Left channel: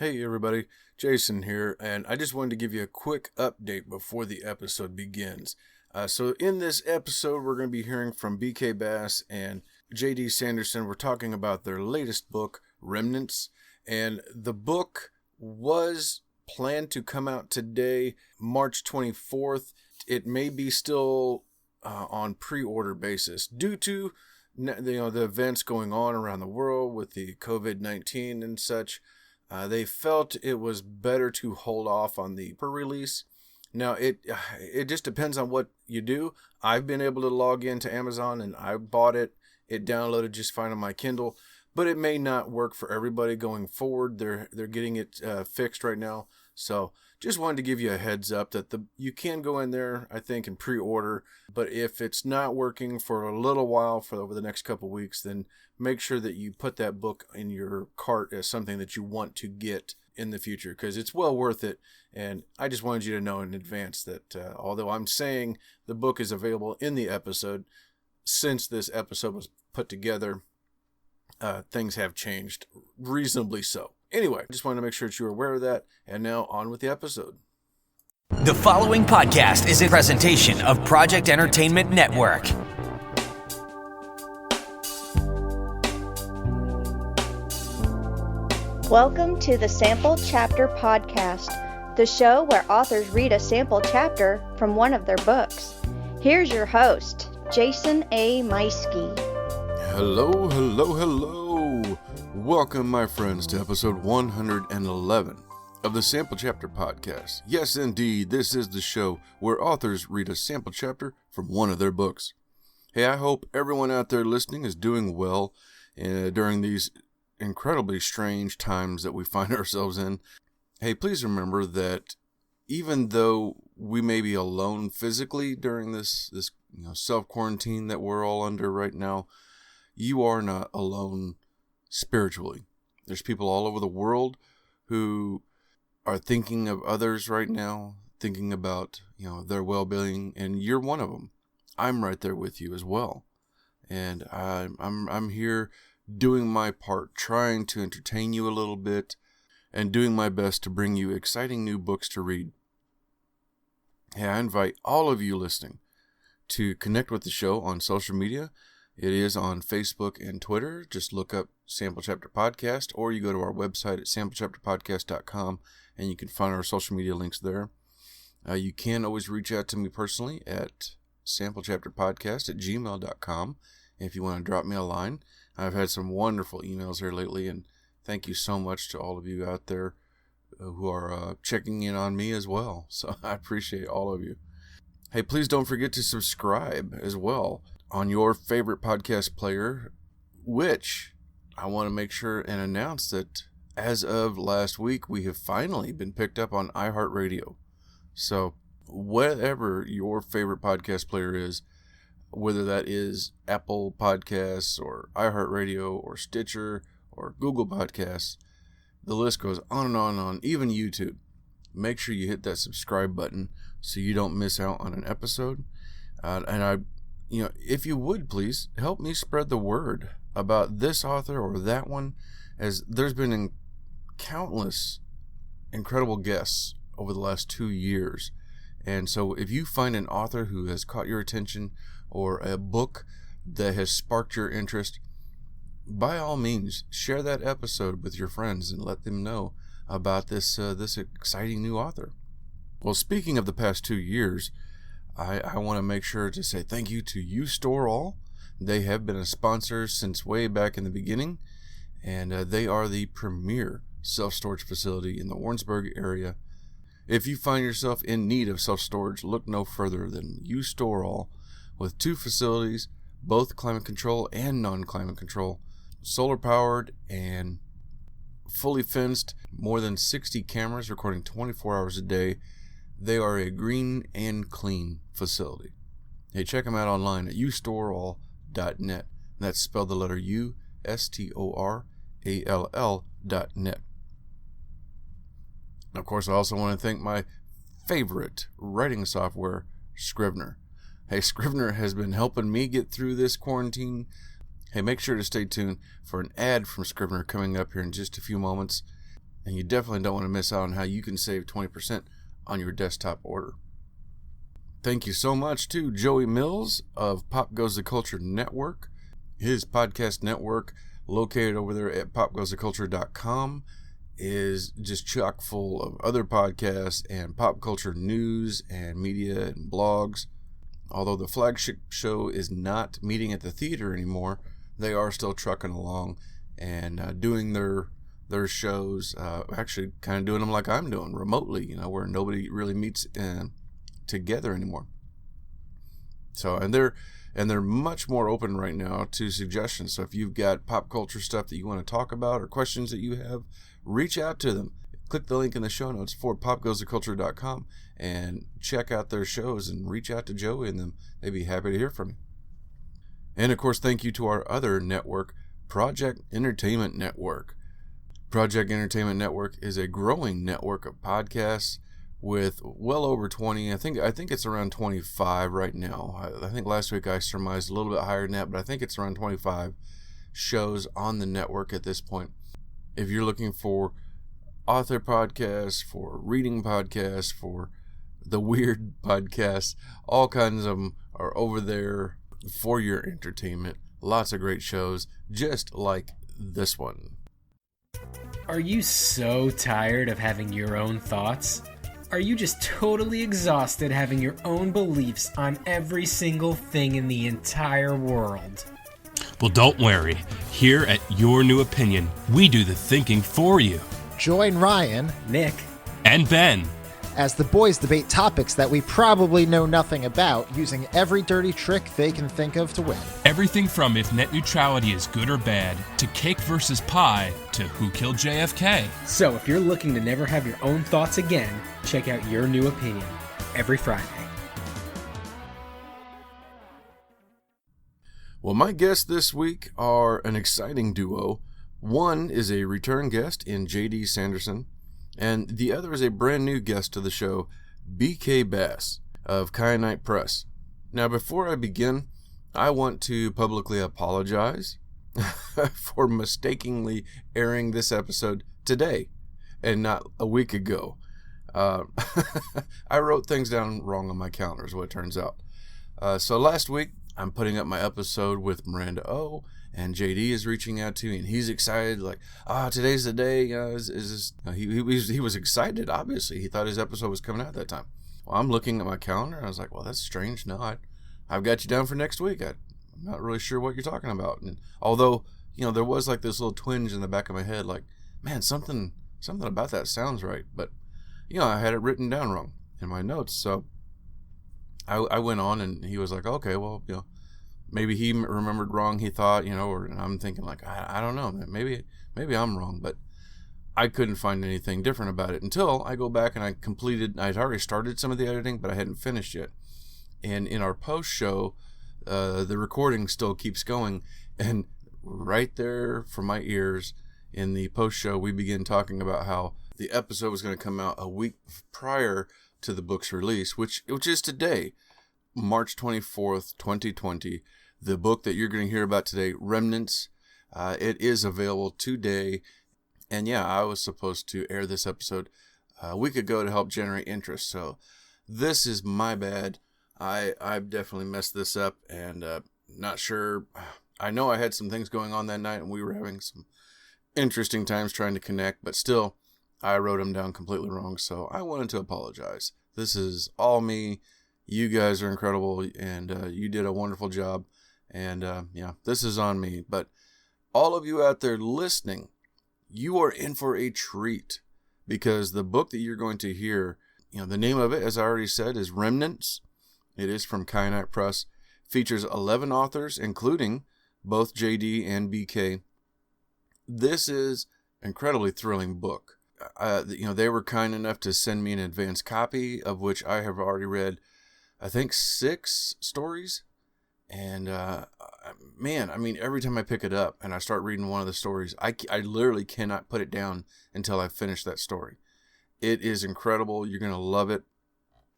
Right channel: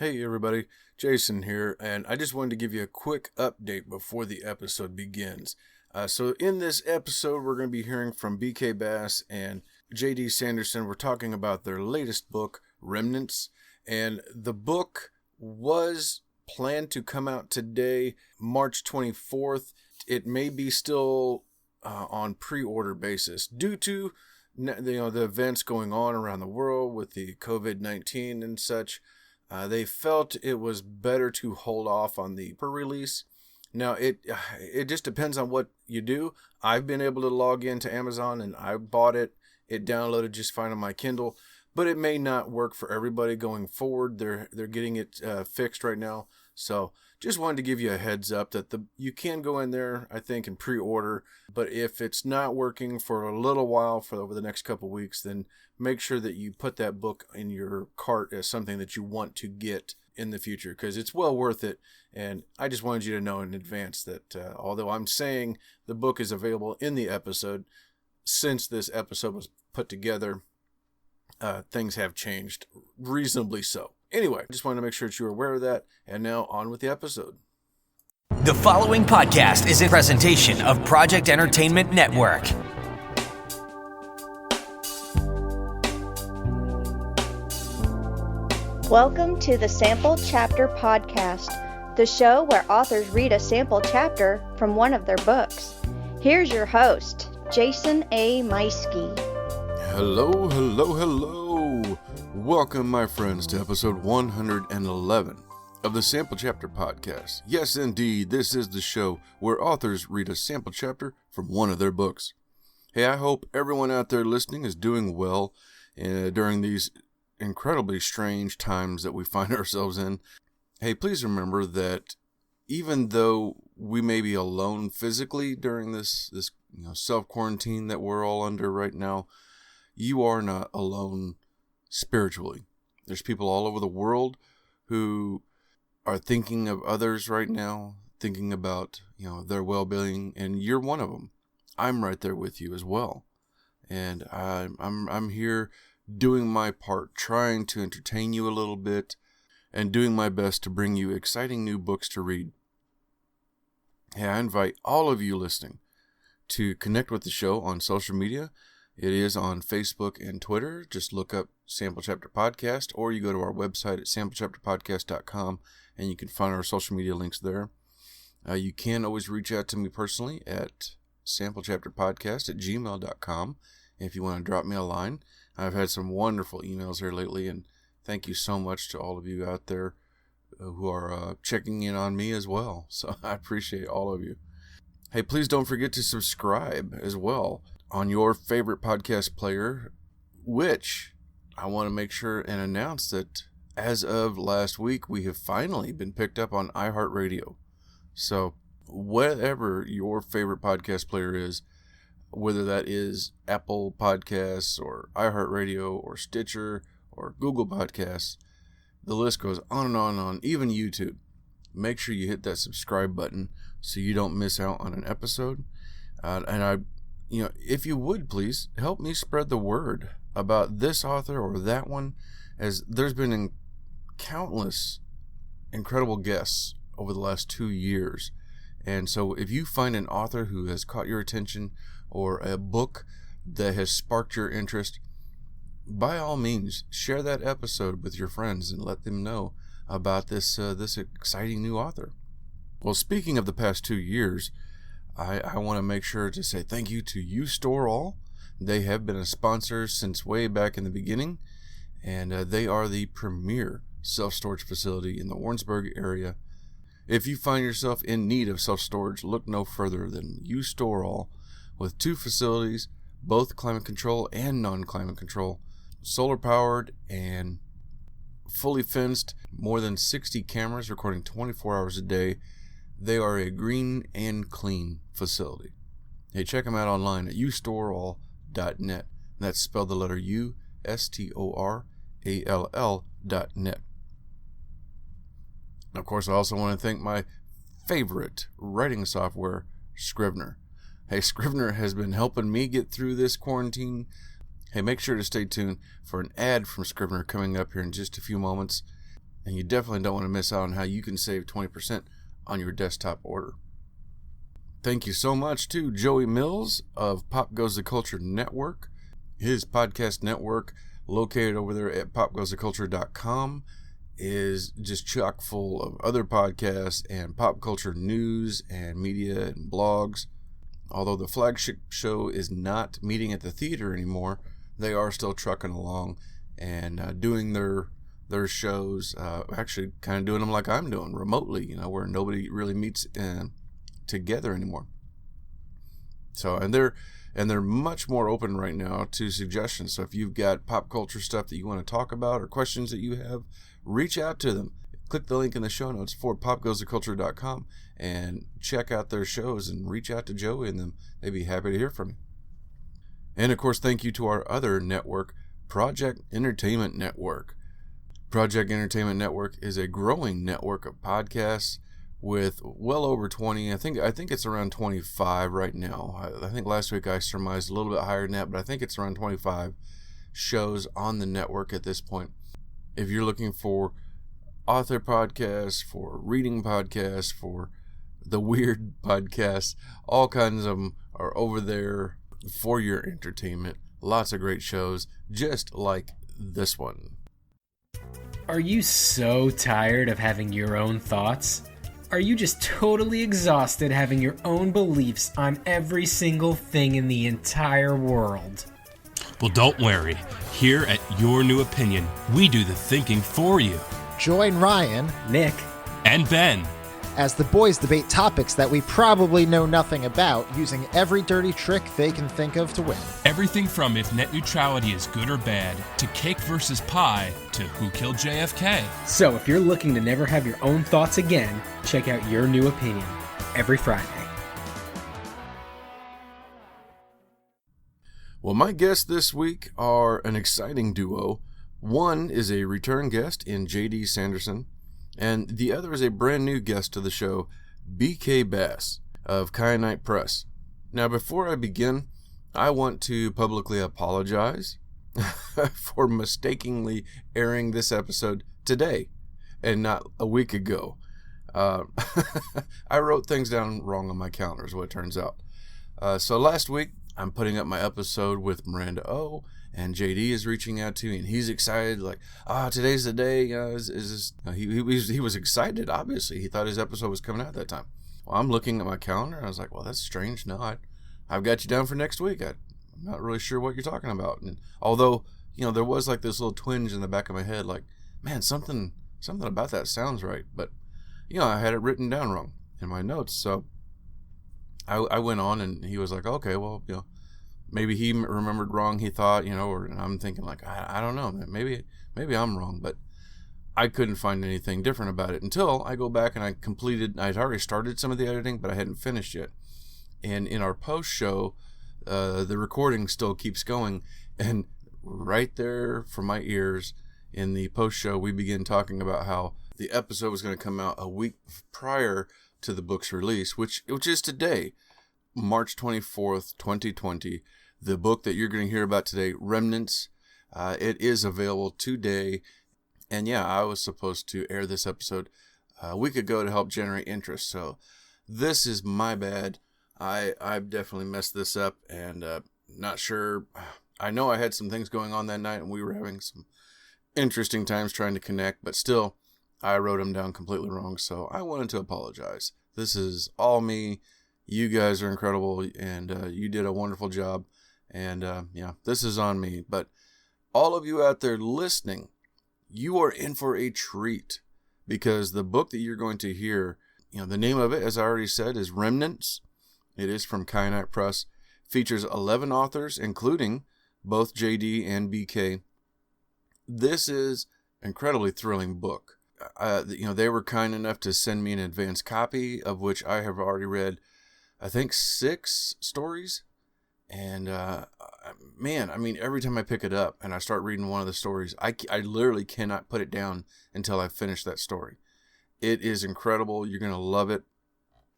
Hey everybody, Jason here, and I just wanted to give you a quick update before the episode begins. So in this episode, we're going to be hearing from BK Bass and JD Sanderson. We're talking about their latest book, Remnants, and the book was planned to come out today, March 24th. It may be still on pre-order basis due to the events going on around the world with the COVID-19 and such. They felt it was better to hold off on the per-release. Now, it just depends on what you do. I've been able to log into Amazon and I bought it. It downloaded just fine on my Kindle, but it may not work for everybody going forward. They're getting it fixed right now. So just wanted to give you a heads up that you can go in there, I think, and pre-order. But if it's not working for a little while, for over the next couple weeks, then make sure that you put that book in your cart as something that you want to get in the future, because it's well worth it. And I just wanted you to know in advance that although I'm saying the book is available in the episode, since this episode was put together, things have changed reasonably so. Anyway, just wanted to make sure that you were aware of that. And now on with the episode. The following podcast is a presentation of Project Entertainment Network. Welcome to the Sample Chapter Podcast, the show where authors read a sample chapter from one of their books. Here's your host, Jason A. Meiske. Hello. Welcome, my friends, to episode 111 of the Sample Chapter Podcast. Yes, indeed, this is the show where authors read a sample chapter from one of their books. Hey, I hope everyone out there listening is doing well during these incredibly strange times that we find ourselves in. Hey, please remember that even though we may be alone physically during this self-quarantine that we're all under right now, you are not alone spiritually. There's people all over the world who are thinking of others right now, thinking about their well-being, and you're one of them. I'm right there with you as well, and I'm here doing my part, trying to entertain you a little bit, and doing my best to bring you exciting new books to read. Hey, I invite all of you listening to connect with the show on social media. It is on Facebook and Twitter. Just look up Sample Chapter Podcast, or you go to our website at samplechapterpodcast.com, and you can find our social media links there. You can always reach out to me personally at samplechapterpodcast@gmail.com if you want to drop me a line. I've had some wonderful emails here lately, and thank you so much to all of you out there who are checking in on me as well. So I appreciate all of you. Hey, please don't forget to subscribe as well on your favorite podcast player, which I want to make sure and announce that as of last week, we have finally been picked up on iHeartRadio. So whatever your favorite podcast player is, whether that is Apple Podcasts or iHeartRadio or Stitcher or Google Podcasts, the list goes on and on and on, even YouTube. Make sure you hit that subscribe button so you don't miss out on an episode. If you would, please help me spread the word about this author or that one, as there's been countless incredible guests over the last 2 years. And so if you find an author who has caught your attention or a book that has sparked your interest, by all means, share that episode with your friends and let them know about this exciting new author. Well, speaking of the past 2 years, I want to make sure to say thank you to U-Sto-All. They have been a sponsor since way back in the beginning, and they are the premier self-storage facility in the Warrensburg area. If you find yourself in need of self-storage, look no further than U-Sto-All, with 2 facilities, both climate control and non-climate control, solar powered and fully fenced, more than 60 cameras recording 24 hours a day. They are a green and clean facility. Hey, check them out online at U-Sto-R-All.net. That's spelled the letter U, STORALL.net. Of course, I also want to thank my favorite writing software, Scrivener. Hey, Scrivener has been helping me get through this quarantine. Hey, make sure to stay tuned for an ad from Scrivener coming up here in just a few moments. And you definitely don't want to miss out on how you can save 20% on your desktop order. Thank you so much to Joey Mills of Pop Goes the Culture Network. His podcast network, located over there at popgoestheculture.com, is just chock full of other podcasts and pop culture news and media and blogs. Although the flagship show is not meeting at the theater anymore, they are still trucking along and doing their shows, actually kind of doing them like I'm doing, remotely, where nobody really meets together anymore. So, and they're much more open right now to suggestions. So if you've got pop culture stuff that you want to talk about or questions that you have, reach out to them. Click the link in the show notes for popgoestheculture.com and check out their shows and reach out to Joey and them. They'd be happy to hear from you. And of course, thank you to our other network, Project Entertainment Network. Project Entertainment Network is a growing network of podcasts with well over 20. I think it's around 25 right now. I think last week I surmised a little bit higher than that, but I think it's around 25 shows on the network at this point. If you're looking for author podcasts, for reading podcasts, for the weird podcasts, all kinds of them are over there for your entertainment. Lots of great shows, just like this one. Are you so tired of having your own thoughts? Are you just totally exhausted having your own beliefs on every single thing in the entire world? Well, don't worry. Here at Your New Opinion, we do the thinking for you. Join Ryan, Nick, And Ben, as the boys debate topics that we probably know nothing about, using every dirty trick they can think of to win. everything from if net neutrality is good or bad, to cake versus pie, to who killed JFK. So if you're looking to never have your own thoughts again, check out Your New Opinion every Friday. Well, my guests this week are an exciting duo. One is a return guest in J.D. Sanderson, and the other is a brand new guest to the show, B.K. Bass of Kyanite Press. Now, before I begin, I want to publicly apologize for mistakenly airing this episode today and not a week ago. I wrote things down wrong on my calendar, is what it turns out. So last week, I'm putting up my episode with Miranda O, and JD is reaching out to me, and he's excited, like, today's the day. He was excited, obviously. He thought his episode was coming out at that time. Well, I'm looking at my calendar, and I was like, well, that's strange. No, I've got you down for next week. I'm not really sure what you're talking about. And although, there was like this little twinge in the back of my head, like, man, something about that sounds right. But, I had it written down wrong in my notes. So I went on, and he was like, okay, well, maybe he remembered wrong, he thought, or I'm thinking like, I don't know, maybe I'm wrong, but I couldn't find anything different about it until I go back and I'd already started some of the editing, but I hadn't finished yet. And in our post show, the recording still keeps going, and right there from my ears in the post show, we begin talking about how the episode was going to come out a week prior to the book's release, which is today, March 24th, 2020. The book that you're going to hear about today, Remnants, it is available today. And yeah, I was supposed to air this episode a week ago to help generate interest. So this is my bad. I've definitely messed this up, and not sure. I know I had some things going on that night, and we were having some interesting times trying to connect, but still, I wrote them down completely wrong. So I wanted to apologize. This is all me. You guys are incredible, and you did a wonderful job. And this is on me. But all of you out there listening, you are in for a treat, because the book that you're going to hear, the name of it, as I already said, is Remnants. It is from Kyanite Press. Features 11 authors, including both JD and BK. This is an incredibly thrilling book. They were kind enough to send me an advance copy, of which I have already read, I think, 6 stories. And, every time I pick it up and I start reading one of the stories, I literally cannot put it down until I finish that story. It is incredible. You're going to love it.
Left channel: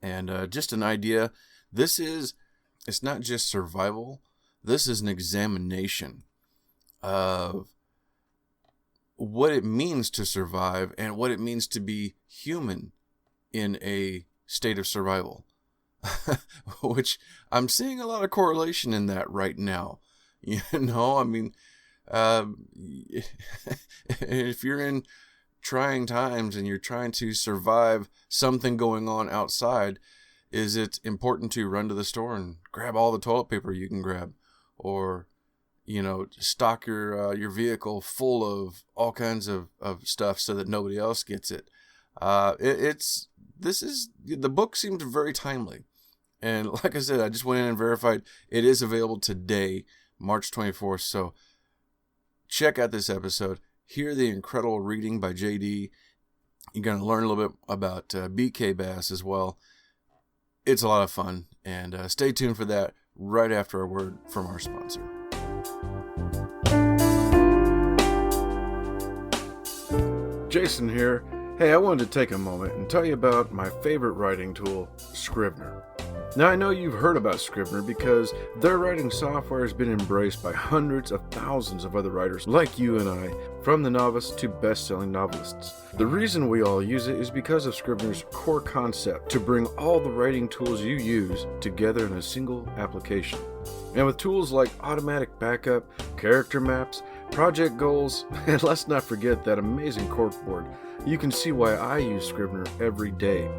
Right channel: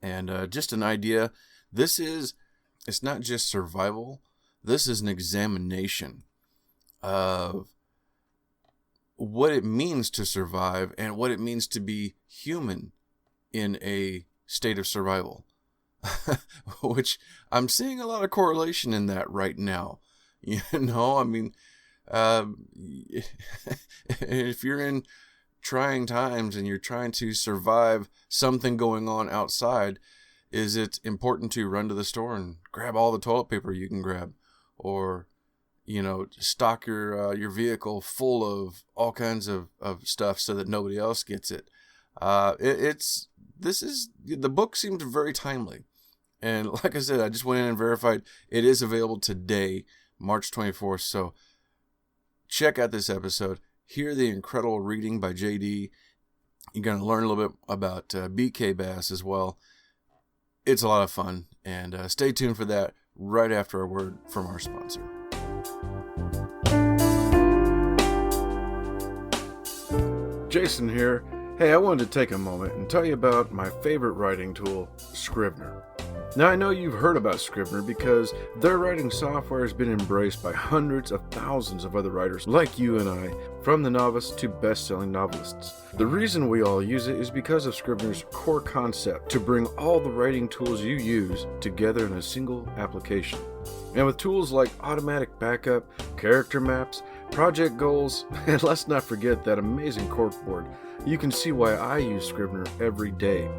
And just an idea, it's not just survival. This is an examination of what it means to survive and what it means to be human in a state of survival. Which I'm seeing a lot of correlation in that right now. You know, I mean, if you're in trying times and you're trying to survive something going on outside, is it important to run to the store and grab all the toilet paper you can grab, or, you know, stock your vehicle full of all kinds of stuff so that nobody else gets it? The book seemed very timely. And like I said, I just went in and verified it is available today, March 24th. So check out this episode. Hear the incredible reading by JD. You're going to learn a little bit about BK Bass as well. It's a lot of fun. And stay tuned for that right after a word from our sponsor. Jason here. Hey, I wanted to take a moment and tell you about my favorite writing tool, Scrivener. Now, I know you've heard about Scrivener because their writing software has been embraced by hundreds of thousands of other writers like you and I, from the novice to best-selling novelists. The reason we all use it is because of Scrivener's core concept to bring all the writing tools you use together in a single application. And with tools like automatic backup, character maps, project goals, and let's not forget that amazing corkboard, you can see why I use Scrivener every day.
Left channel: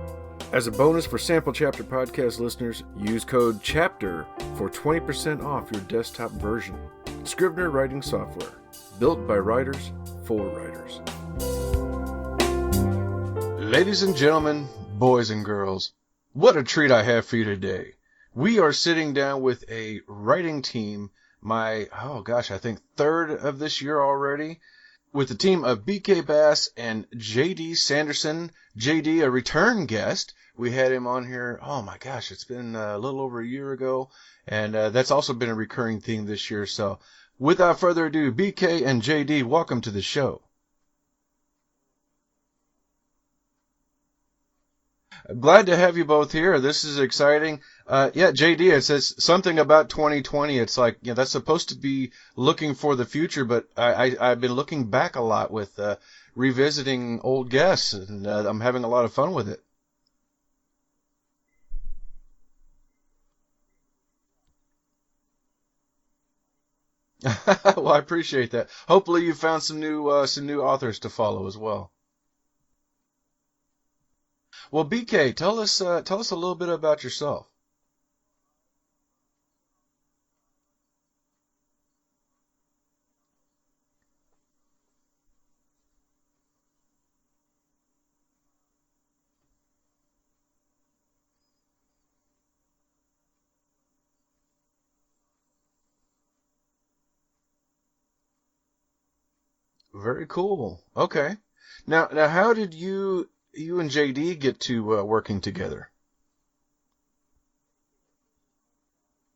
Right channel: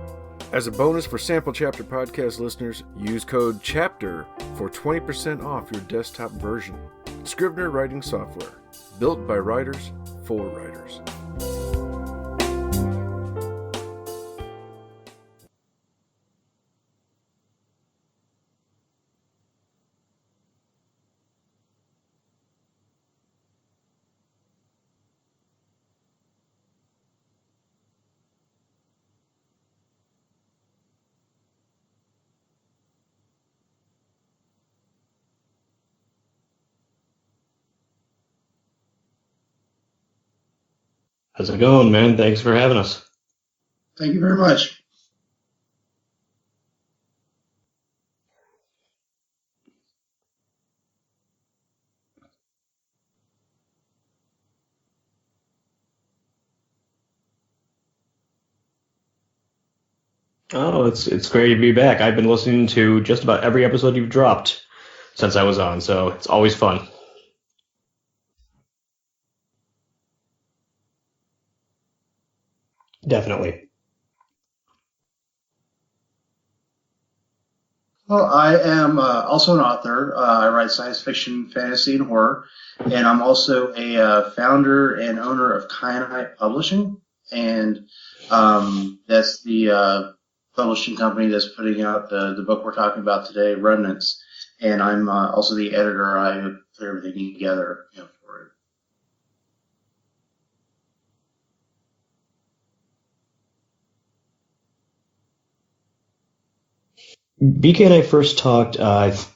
As a bonus for Sample Chapter Podcast listeners, use code CHAPTER for 20% off your desktop version. Scrivener writing software, built by writers for writers. Ladies and gentlemen, boys and girls, what a treat I have for you today. We are sitting down with a writing team, I think third of this year already, with the team of BK Bass and JD Sanderson. JD, a return guest. We had him on here, it's been a little over a year ago, and that's also been a recurring theme this year. So without further ado, BK and JD, welcome to the show. How's it going, man? Thanks for having us. Thank you very much. Glad to have you both here. This is exciting. JD, it says something about 2020. It's like, that's supposed to be looking for the future, but I've been looking back a lot with revisiting old guests, and I'm having a lot of fun with it. Oh, it's great to be back. I've been listening to just about every episode you've dropped since I was on, so it's always fun. Well, I appreciate that. Hopefully you found some new authors to follow as well. Definitely. Well, BK, tell us a little bit about yourself. Well, I am also an author. I write science fiction, fantasy, and horror. And I'm also a founder and owner of Kyanite Publishing. And that's the publishing company that's putting out the book we're talking about today, Remnants. And I'm also the editor. I put everything together for it. Very cool. Okay. Now, how did you and JD get to working together? BK and I first talked last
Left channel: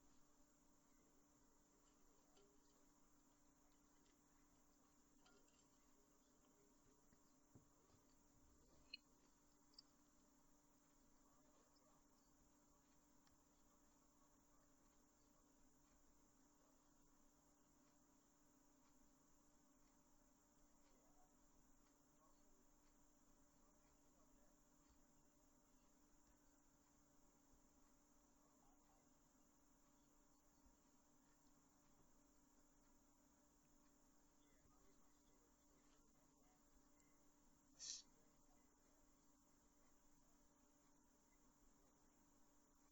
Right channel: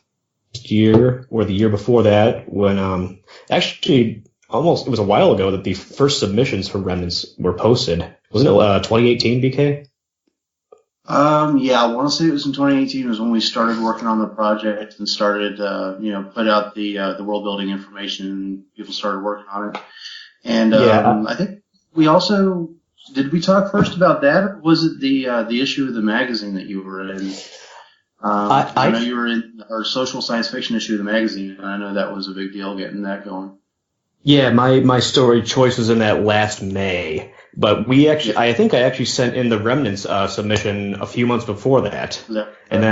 year or the year before that when actually it was a while ago that the first submissions for Remnants were posted. Wasn't it 2018, BK? Yeah, I want to say it was in 2018 was when we started working on the project and started, put out the world building information and people started working on it. And I think we also, did we talk first about that? Or was it the issue of the magazine that you were in? I know you were in our social science fiction issue of the magazine, and I know that was a big deal getting that going. Yeah, my story choice was in that last May. But I think I actually sent in the Remnants submission a few months before that. And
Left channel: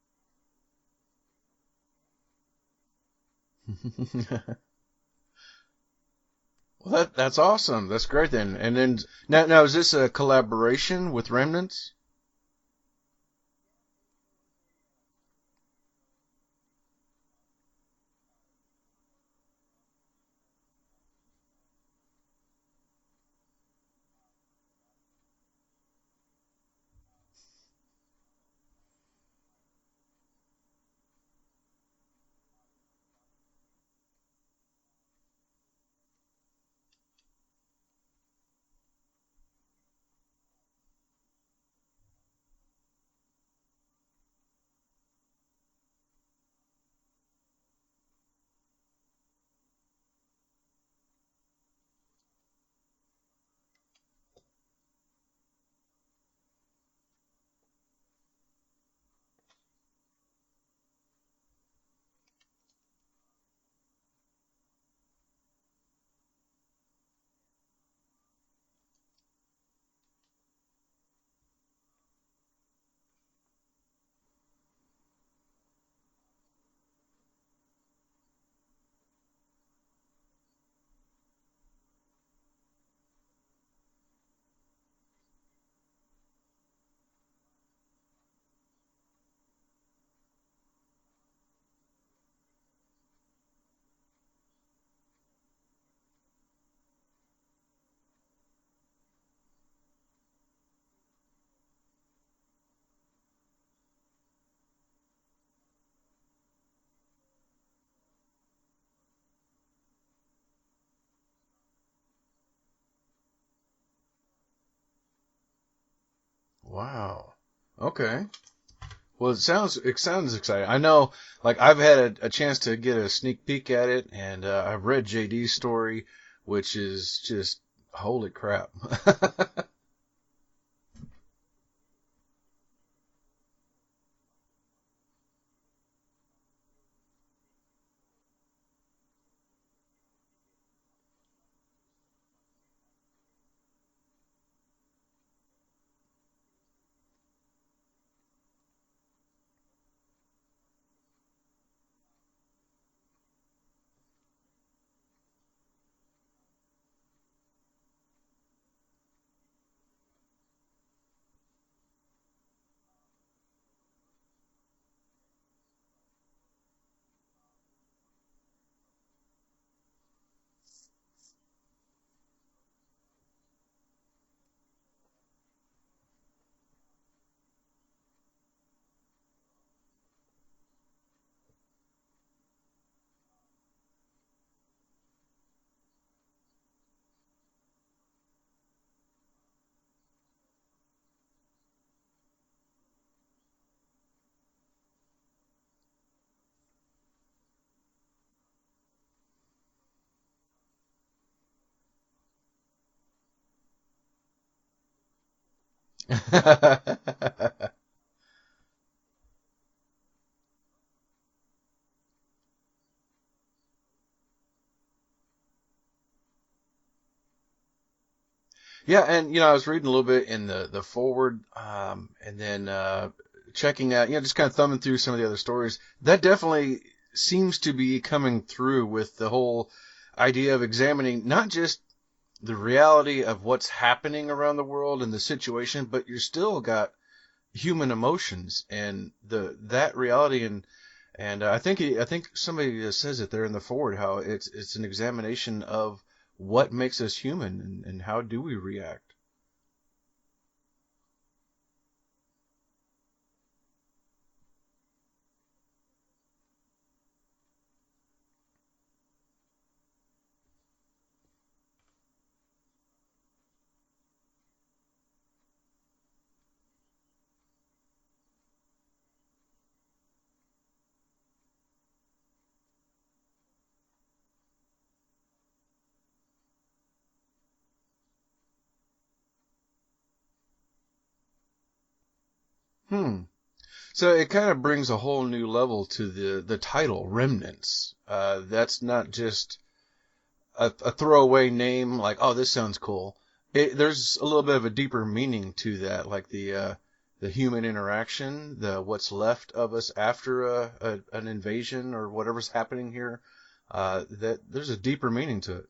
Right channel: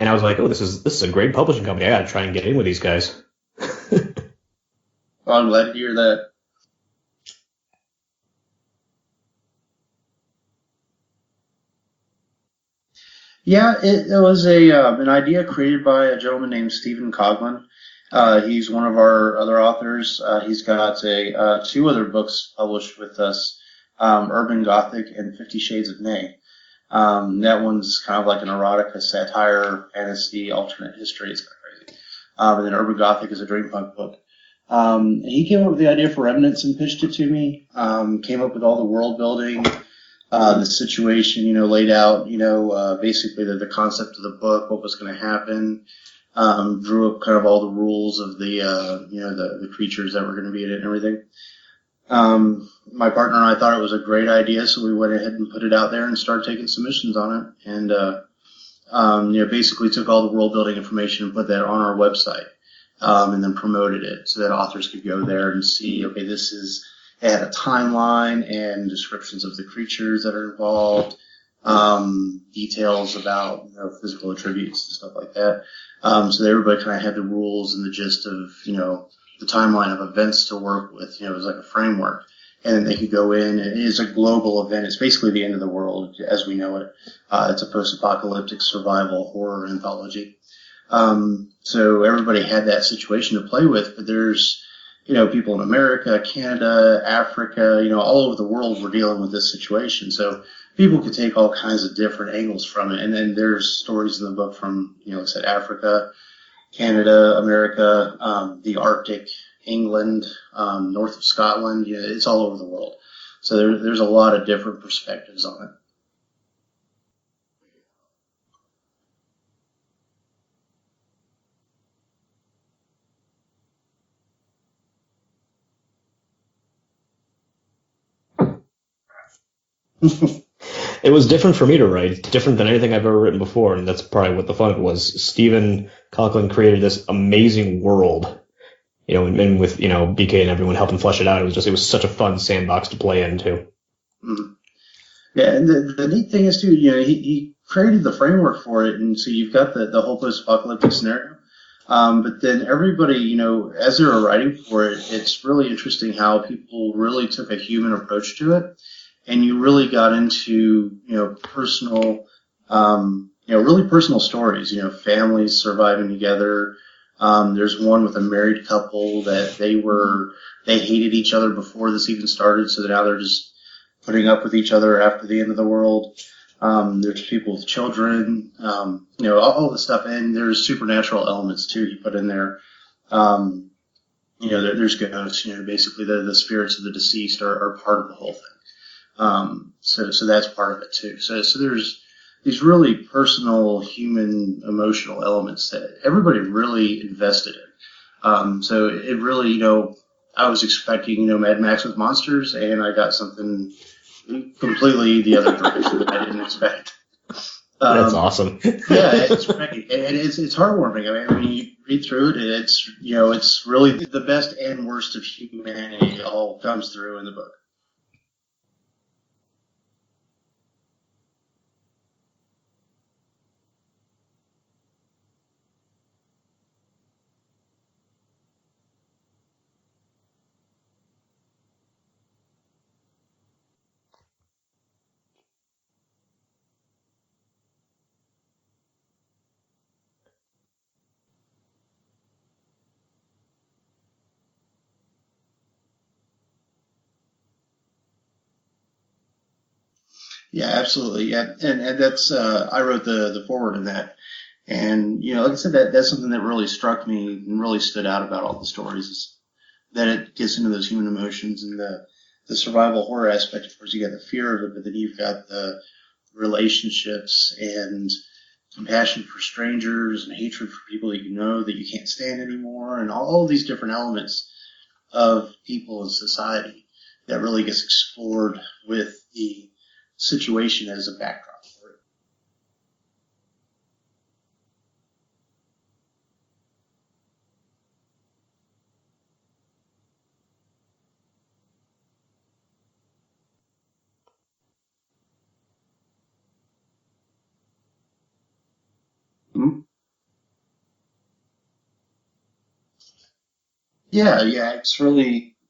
I was like, oh, this is a great publishing company. I got to try and get in with these guys. Well, I'm glad to hear that. Well, that's awesome. That's great then. And then now is this a collaboration with Remnants? Yeah, it was an idea created by a gentleman named Stephen Coughlin. He's one of our other authors. He's got two other books published with us. Urban Gothic and 50 Shades of May. That one's kind of like an erotica, satire, fantasy, alternate history. It's kind of crazy. And then Urban Gothic is a dreampunk book. And he came up with the idea for Remnants and pitched it to me. Came up with all the world building, the situation, laid out, basically the concept of the book, what was going to happen. Drew up kind of all the rules of the creatures that were going to be in it and everything. My partner and I thought it was a great idea, so we went ahead and put it out there and started taking submissions on it. And basically took all the world building information and put that on our website, and then promoted it so that authors could go there and see, okay, it had a timeline and descriptions of the creatures that are involved, details about physical attributes and stuff like that. So that everybody kind of had the rules and the gist of, the timeline of events to work with. It was like a framework. And then they could go in. It is a global event. It's basically the end of the world as we know it. It's a post-apocalyptic survival horror anthology. So everybody had that situation to play with, but there's, people in America, Canada, Africa, all over the world were dealing with this situation. So people could take all kinds of different angles from it. And then there's stories in the book from, like I said, Africa, Canada, America, the Arctic, England, north of Scotland. It's all over the world. So there's a lot of different perspectives on it. Wow. Okay. Well, it sounds exciting. I know, like, I've had a chance to get a sneak peek at it, and I've read JD's story, which is just holy crap. It was different for me to write, different than anything I've ever written before, and that's probably what the fun of it was. Stephen Coughlin created this amazing world, and with, BK and everyone helping flesh it out, it was such a fun sandbox to play into. Mm-hmm. Yeah, and the neat thing is, too, he created the framework for it, and so you've got the whole post-apocalyptic scenario. But then everybody, as they were writing for it, it's really interesting how people really took a human approach to it. And you really got into, personal, really personal stories, families surviving together. There's one with a married couple that they hated each other before this even started. So now they're just putting up with each other after the end of the world. There's people with children, all the stuff. And there's supernatural elements too he put in there. There's ghosts, basically the spirits of the deceased are part of the whole thing. So that's part of it too. So there's these really personal, human, emotional elements that everybody really invested in. So it really, I was expecting, Mad Max with monsters, and I got something completely the other direction that I didn't expect. That's awesome. Yeah, it's great. And it's heartwarming. I mean, you read through it, and it's really the best and worst of humanity all comes through in the book. Yeah, and I was reading a little bit in the foreword, and then checking out, just kind of thumbing through some of the other stories. That definitely seems to be coming through with the whole idea of examining not just the reality of what's happening around the world and the situation, but you're still got human emotions and that reality, and I think somebody says it there in the foreword, how it's an examination of what makes us human and how do we react. Yeah, absolutely. Yeah, and that's I wrote the foreword in that, and like I said, that's something that really struck me and really stood out about all the stories is that it gets into those human emotions and the survival horror aspect. Of course, you got the fear of it, but then you've got the relationships and compassion for strangers and hatred for people that that you can't stand anymore, and all these different elements of people in society that really gets explored with the situation as a backdrop for it. So it kind of brings a whole new level to the title, Remnants. That's not just a throwaway name like, oh, this sounds cool. There's a little bit of a deeper meaning to that, like the human interaction, the what's left of us after an invasion or whatever's happening here. It's really to it.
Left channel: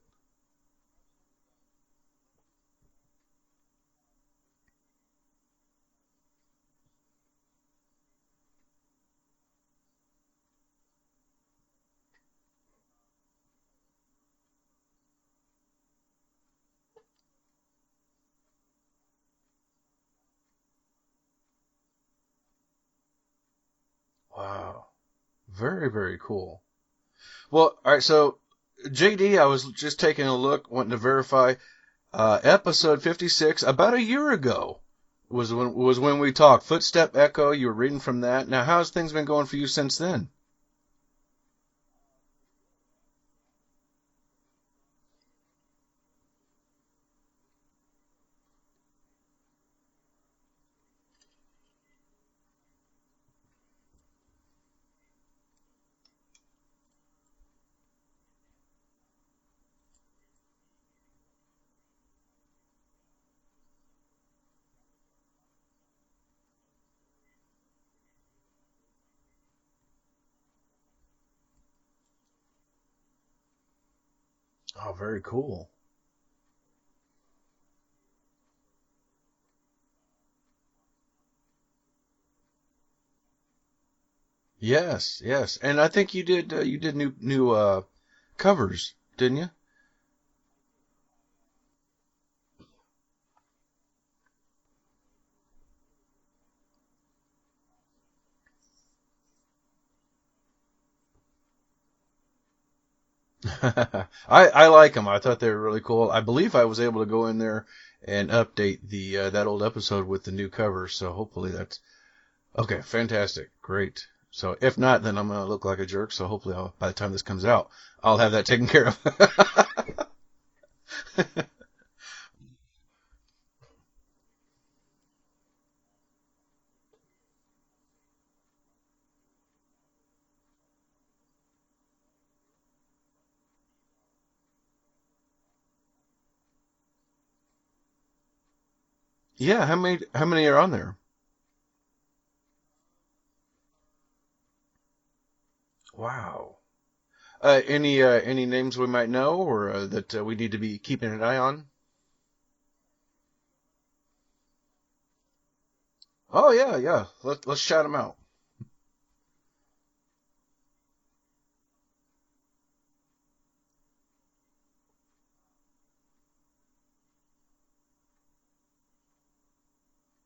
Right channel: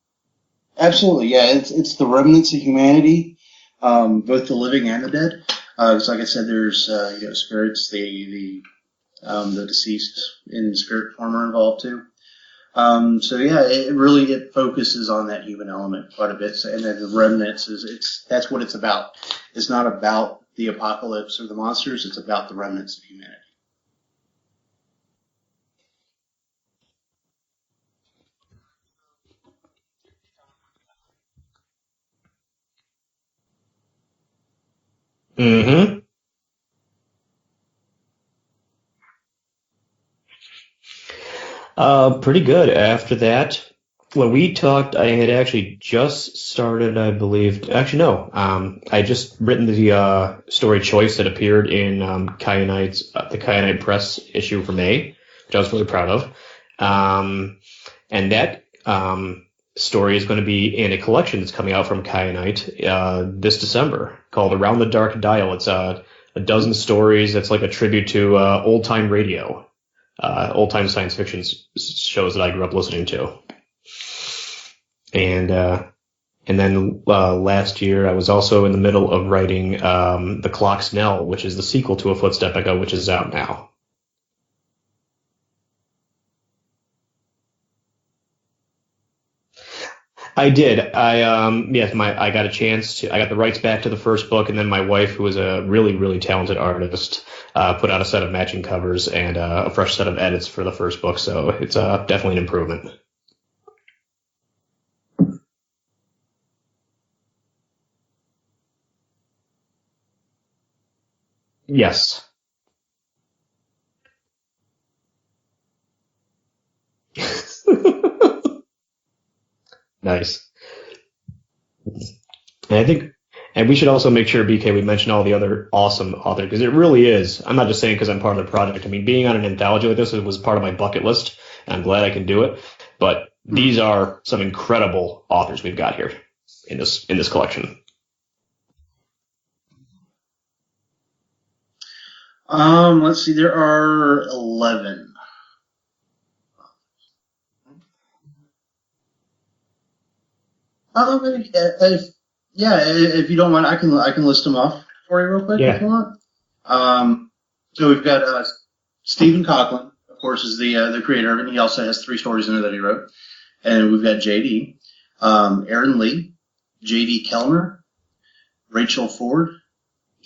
Absolutely, yeah. It's the remnants of humanity, both the living and the dead. Because, like I said, there's spirits, the deceased in spirit form are involved too. It focuses on that human element quite a bit. And then the remnants that's what it's about. It's not about the apocalypse or the monsters. It's about the remnants of humanity. Wow, very, very cool. Well, all right, so JD, I was just taking a look, wanting to verify, episode 56, about a year ago was when we talked. Footstep Echo, you were reading from that. Now, how's things been going for you since then? Pretty good. After that, When we talked, I had actually just started, I believe. Actually, no. I just written the story Choice that appeared in the Kyanite Press issue for May, which I was really proud of. And that story is going to be in a collection that's coming out from Kyanite this December called Around the Dark Dial. It's a dozen stories. That's like a tribute to old time radio, old time science fiction shows that I grew up listening to. And then last year I was also in the middle of writing The Clock's Knell, which is the sequel to A Footstep Echo, which is out now. Yes, and I think you did new covers, didn't you? I did. I got a chance to. I got the rights back to the first book, and then my wife, who is a really really talented artist, put out a set of matching covers and a fresh set of edits for the first book. So it's definitely an improvement. I like them. I thought they were really cool. I believe I was able to go in there and update that old episode with the new cover. So hopefully that's yes. Okay, fantastic, great. So if not, then I'm gonna look like a jerk. So hopefully, by the time this comes out, I'll have that taken care of. Nice. And we should also make sure, BK, we mention all the other awesome authors, because it really is. I'm not just saying because I'm part of the project. I mean, being on an anthology like this was part of my bucket list, and I'm glad I can do it. But these are some incredible authors we've got here in this collection. Yeah, how many are on there? Let's see, there are 11. Wow. Any names we might know, or that we need to be keeping an eye on? If you don't mind, I can list them off for you real quick if you want. Oh yeah. Let's shout. So we've got Stephen Coughlin, of course, is the creator of it. And he also has 3 stories in there that he wrote. And we've got JD, Aaron Lee, JD Kellner, Rachel Ford,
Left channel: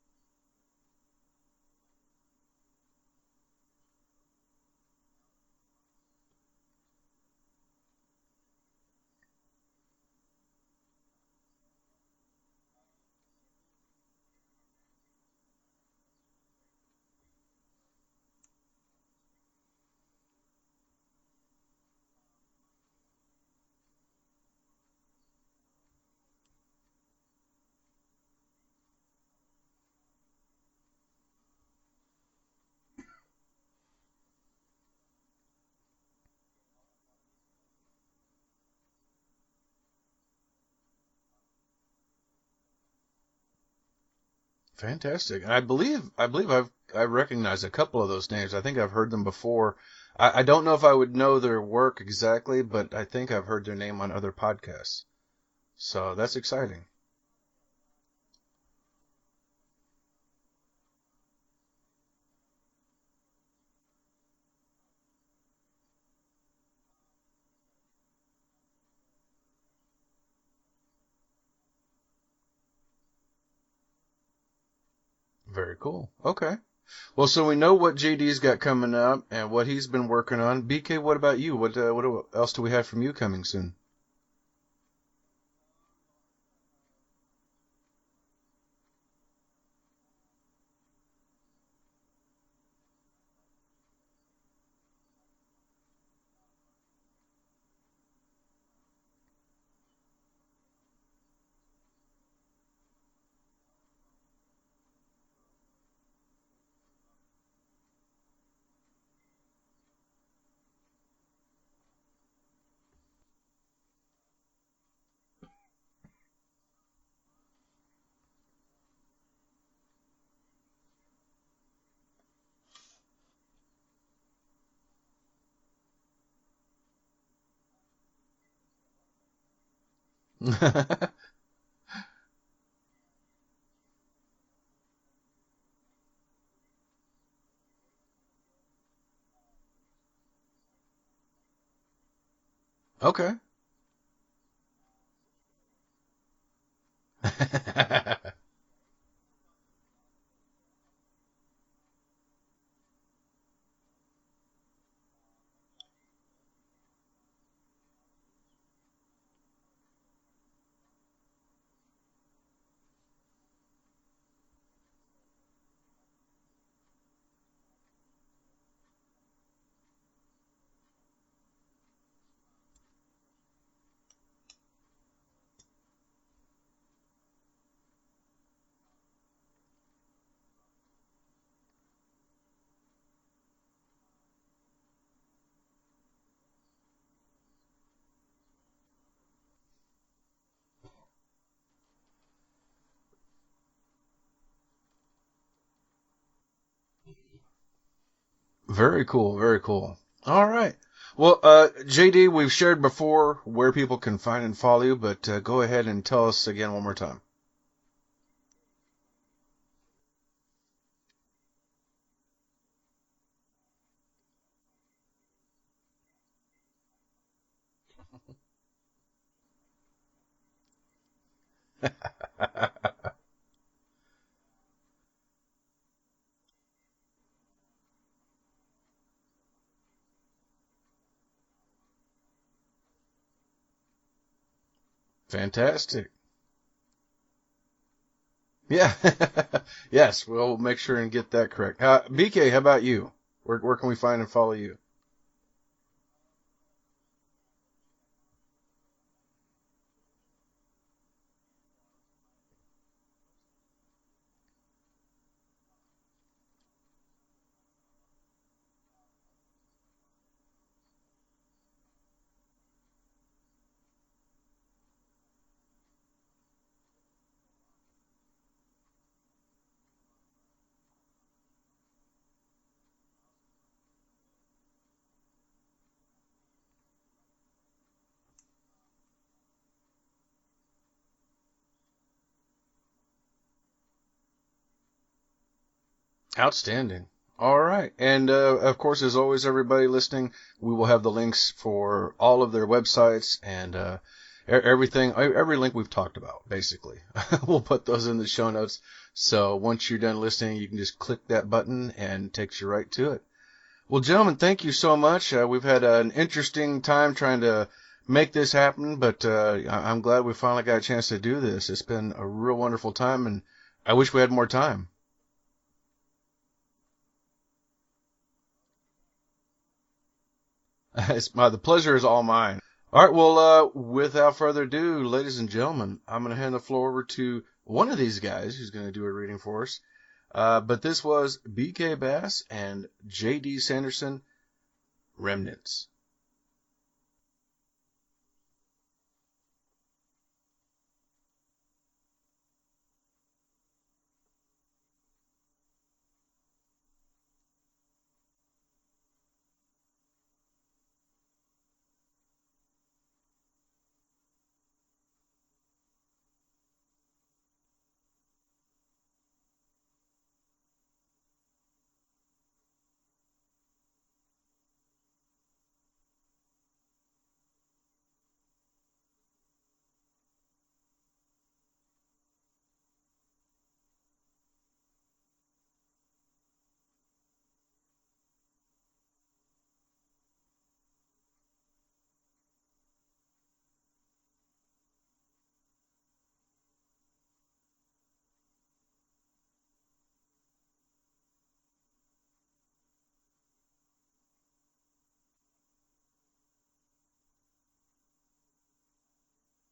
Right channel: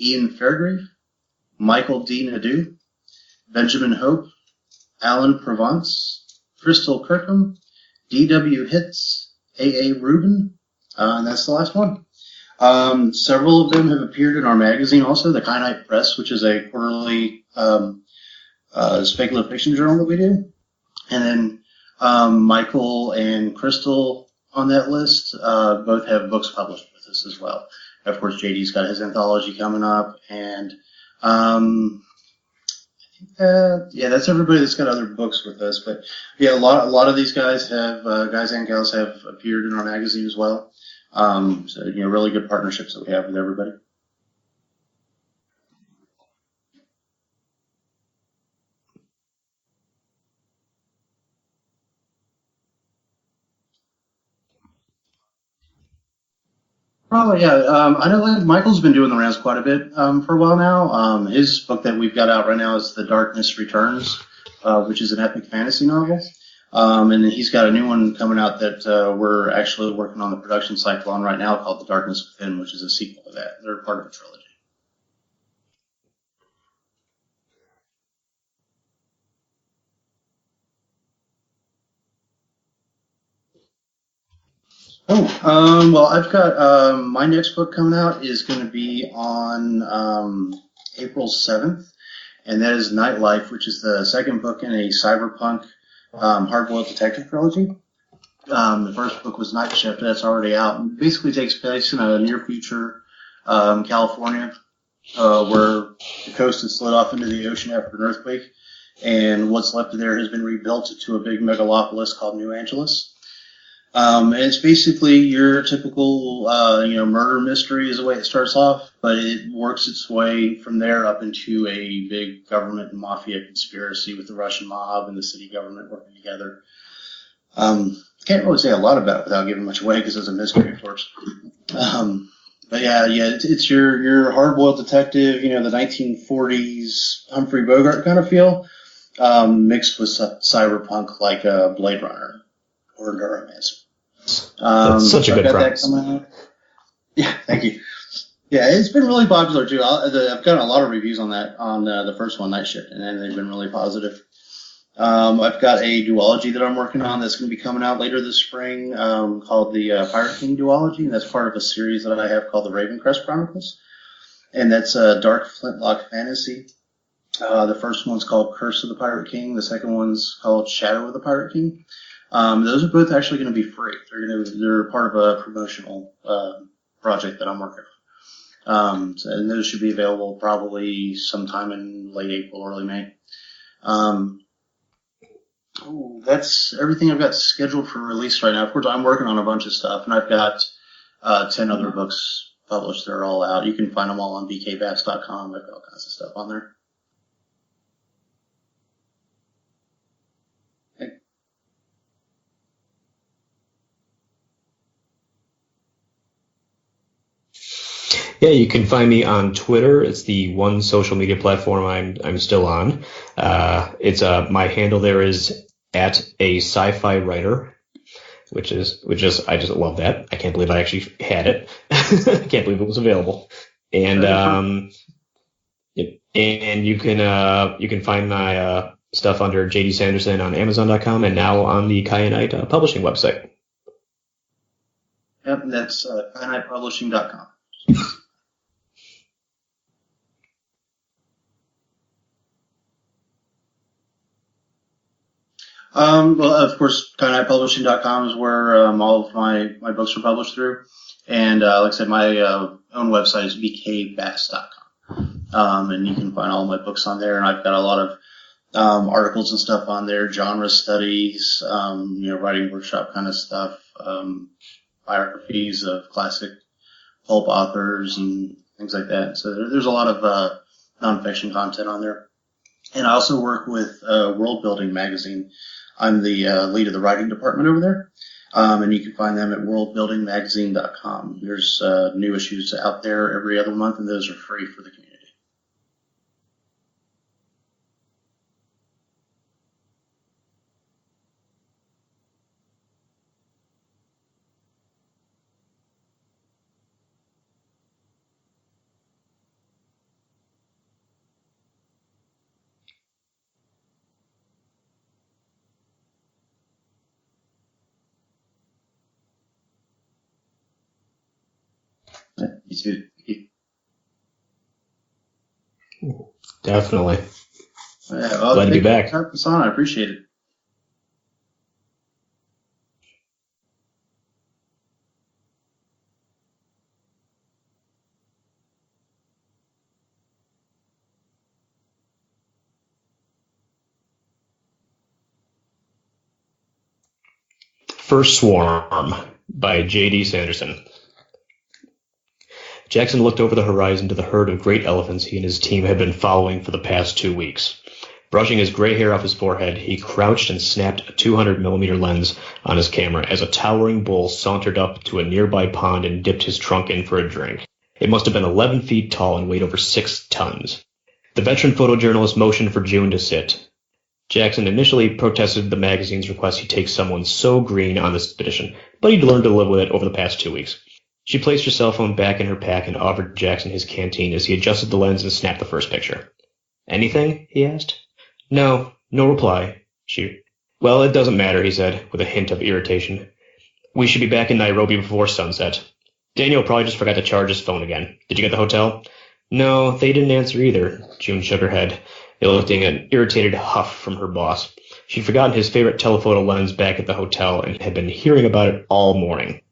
Ian Fairgrave, Michael D. Nadeau, Benjamin Hope, Alan Provence, Crystal Kirkham, D.W. Hitz, A.A. Rubin, and that's the last one. Several of them have appeared in our magazine also, the Kyanite Press, which is a quarterly speculative fiction journal that we do. And then Michael and Crystal on that list both have books published with us as well. Of course, JD's got his anthology coming up, and that's everybody that's got other books with us. But yeah, a lot of these guys and gals have appeared in our magazine as well. So really good partnerships that we have with everybody. Fantastic. And I believe I recognize a couple of those names. I think I've heard them before. I don't know if I would know their work exactly, but I think I've heard their name on other podcasts. So that's exciting. Probably, yeah. I know Michael's been doing the rounds quite a bit for a while now. His book that we've got out right now is The Darkness Returns, which is an epic fantasy novel. And then he's got a new one coming out that we're actually working on the production cycle on right now called The Darkness Within, which is a sequel to that. They're part of a trilogy. Very cool. Okay. Well, so we know what JD's got coming up and what he's been working on. BK, what about you? What else do we have from you coming soon? Well, I've got my next book coming out is going to be on April 7th, and that is Nightlife, which is the second book in a cyberpunk hard-boiled detective trilogy. The first book was Night Shift, that's already out. It basically takes place in a near future California, where the coast has slid off into the ocean after an earthquake, and what's left of there has been rebuilt to a big megalopolis called New Angeles. And it's basically your typical, murder mystery is the way it starts off, but it works its way from there up into a big government and mafia conspiracy with the Russian mob and the city government working together. Can't really say a lot about it without giving much away because it's a mystery, of course. But it's your hard-boiled detective, the 1940s Humphrey Bogart kind of feel, mixed with cyberpunk like Blade Runner. Okay. That's such a good premise. Yeah, thank you. Yeah, it's been really popular too. I've gotten a lot of reviews on that on the first one, Night Shift, and they've been really positive. I've got a duology that I'm working on that's going to be coming out later this spring called the Pirate King duology, and that's part of a series that I have called the Ravencrest Chronicles, and that's a dark flintlock fantasy. The first one's called Curse of the Pirate King. The second one's called Shadow of the Pirate King. Those are both actually going to be free. They're part of a promotional project that I'm working on. And those should be available probably sometime in late April, early May. That's everything I've got scheduled for release right now. Of course, I'm working on a bunch of stuff, and I've got 10 other books published. They're all out. You can find them all on bkbass.com. I've got all kinds of stuff on there. Very cool. Very cool. All right. Well, JD, we've shared before where people can find and follow you, but go ahead and tell us again one more time. Yeah, you can find me on Twitter. It's the one social media platform I'm still on. It's my handle there is at a sci-fi writer, which is I just love that. I can't believe I actually had it. I can't believe it was available. And you can find my stuff under JD Sanderson on Amazon.com and now on the Kyanite Publishing website. Fantastic. Yep, that's KyanitePublishing.com. Yeah. Yes, we'll make sure and get that correct. BK, how about you? Where can we find and follow you? Well, of course, KyanitePublishing.com is where all of my books are published through. And like I said, my own website is bkbass.com. And you can find all my books on there. And I've got a lot of articles and stuff on there, genre studies, writing workshop kind of stuff, biographies of classic pulp authors and things like that. So there's a lot of nonfiction content on there. And I also work with World Building Magazine. I'm the lead of the writing department over there. And you can find them at worldbuildingmagazine.com. There's new issues out there every other month, and those are free for the community. Outstanding. All right. And, of course, as always, everybody listening, we will have the links for all of their websites and everything, every link we've talked about, basically. We'll put those in the show notes. So once you're done listening, you can just click that button and it takes you right to it. Well, gentlemen, thank you so much. We've had an interesting time trying to make this happen, but I'm glad we finally got a chance to do this. It's been a real wonderful time, and I wish we had more time. Definitely. Glad to be back. I appreciate it. The pleasure is all mine. All right, well, without further ado, ladies and gentlemen, I'm going to hand the floor over to one of these guys who's going to do a reading for us. But this was BK Bass and JD Sanderson, Remnants. First Swarm by JD Sanderson. Jackson looked over the horizon to the herd of great elephants he and his team had been following for the past 2 weeks. Brushing his gray hair off his forehead, he crouched and snapped a 200mm lens on his camera as a towering bull sauntered up to a nearby pond and dipped his trunk in for a drink. It must have been 11 feet tall and weighed over 6 tons. The veteran photojournalist motioned for June to sit. Jackson initially protested the magazine's request he take someone so green on this expedition, but he'd learned to live with it over the past 2 weeks. She placed her cell phone back in her pack and offered Jackson his canteen as he adjusted the lens and snapped the first picture. "Anything?" he asked. No reply. Well, it doesn't matter, he said, with a hint of irritation. We should be back in Nairobi before sunset. Daniel probably just forgot to charge his phone again. Did you get the hotel? No, they didn't answer either. June shook her head, eliciting an irritated huff from her boss. She'd forgotten his favorite telephoto lens back at the hotel and had been hearing about it all morning.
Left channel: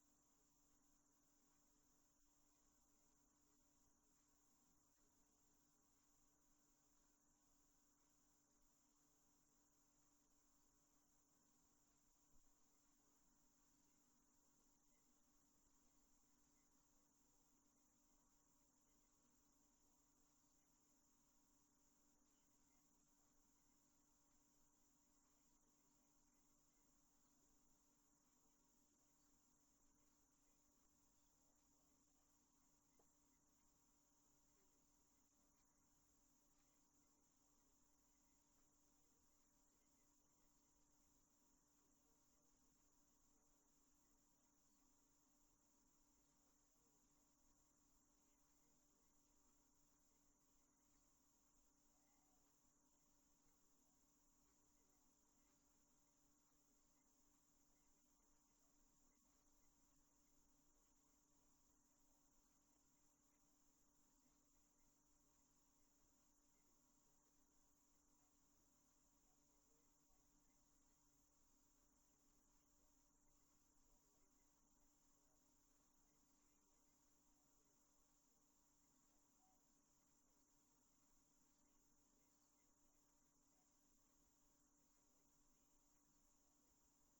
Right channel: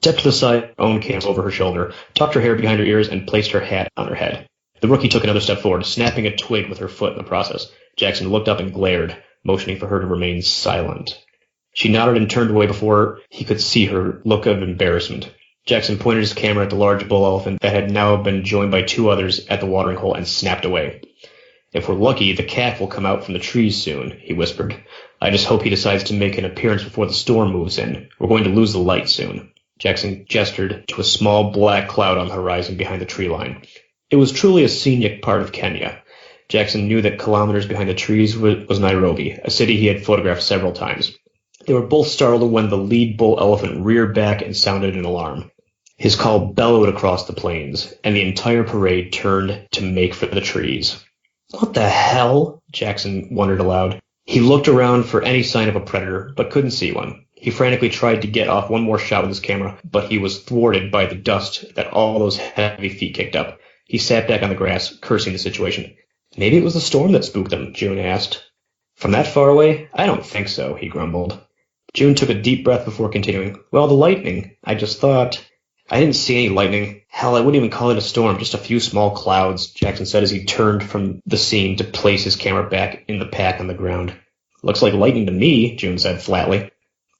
Stepped to the side, own came over her shoulder, tucked her hair behind her ears, and placed her hat on her head. The rookie took another step forward, snapping a twig with her foot in the process. Jackson looked up and glared, motioning for her to remain silent. She nodded and turned away before he could see her look of embarrassment. Jackson pointed his camera at the large bull elephant that had now been joined by 2 others at the watering hole and snapped away. If we're lucky, the calf will come out from the trees soon, he whispered. I just hope he decides to make an appearance before the storm moves in. We're going to lose the light soon. Jackson gestured to a small black cloud on the horizon behind the tree line. It was truly a scenic part of Kenya. Jackson knew that kilometers behind the trees was Nairobi, a city he had photographed several times. They were both startled when the lead bull elephant reared back and sounded an alarm. His call bellowed across the plains, and the entire parade turned to make for the trees. What the hell? Jackson wondered aloud. He looked around for any sign of a predator, but couldn't see one. He frantically tried to get off one more shot with his camera, but he was thwarted by the dust that all those heavy feet kicked up. He sat back on the grass, cursing the situation. Maybe it was the storm that spooked them, June asked. From that far away? I don't think so, he grumbled. June took a deep breath before continuing. Well, the lightning. I just thought... I didn't see any lightning. Hell, I wouldn't even call it a storm, just a few small clouds, Jackson said as he turned from the scene to place his camera back in the pack on the ground. Looks like lightning to me, June said flatly.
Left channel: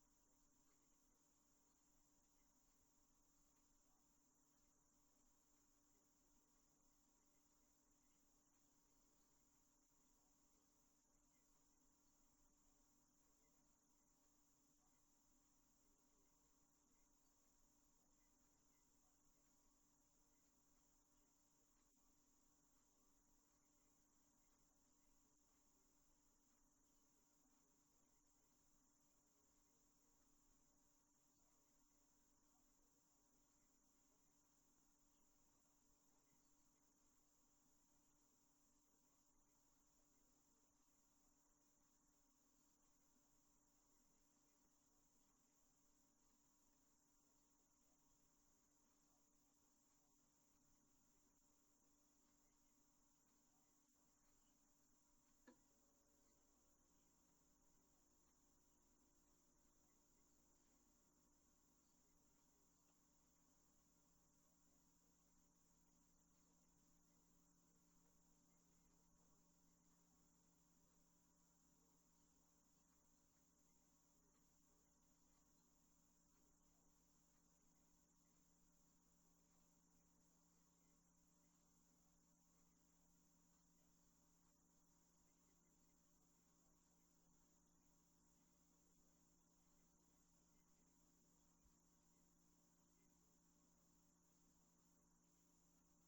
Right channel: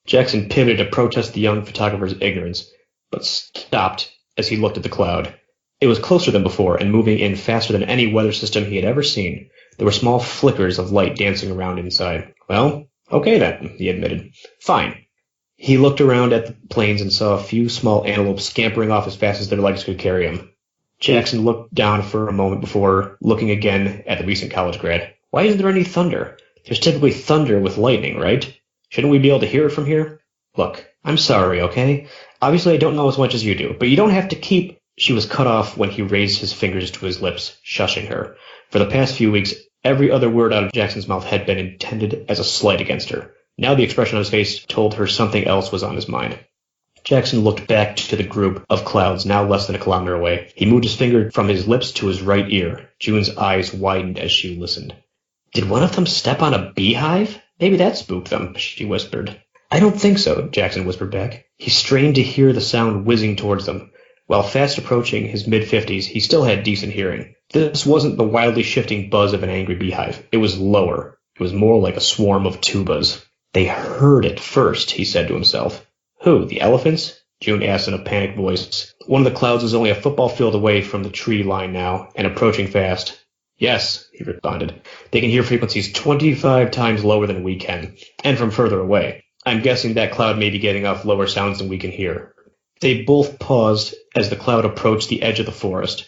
Jackson pivoted to protest the young photographer's ignorance, but stopped as he looked at the cloud. It was closer than before and moving in faster than any weather system he had ever seen. There were small flickers of light dancing around inside. Well, okay then, he admitted. Fine. He looked around at the plains and saw a few small antelopes scampering off as fast as their legs could carry him. Jackson looked down for a moment before looking again at the recent college grad. Why isn't there any thunder? There's typically thunder with lightning, right? Shouldn't we be able to hear it from here? Look, I'm sorry, okay? Obviously I don't know as much as you do, but you don't have to keep... She was cut off when he raised his fingers to his lips, shushing her. For the past few weeks, every other word out of Jackson's mouth had been intended as a slight against her. Now the expression on his face told her something else was on his mind. Jackson looked back to the group of clouds now less than a kilometer away. He moved his finger from his lips to his right ear. June's eyes widened as she listened. Did one of them step on a beehive? Maybe that spooked them, she whispered. I don't think so, Jackson whispered back. He strained to hear the sound whizzing towards them. While fast approaching his mid-50s, he still had decent hearing. This wasn't the wildly shifting buzz of an angry beehive. It was lower. It was more like a swarm of tubas. They heard it first, he said to himself. Who, the elephants? June asked in a panicked voice. One of the clouds was only a football field away from the tree line now, and approaching fast. Yes, he responded. They can hear frequencies 25 times lower than we can, and from further away. I'm guessing that cloud may be getting off lower sounds than we can hear. They both paused as the cloud approached the edge of the forest.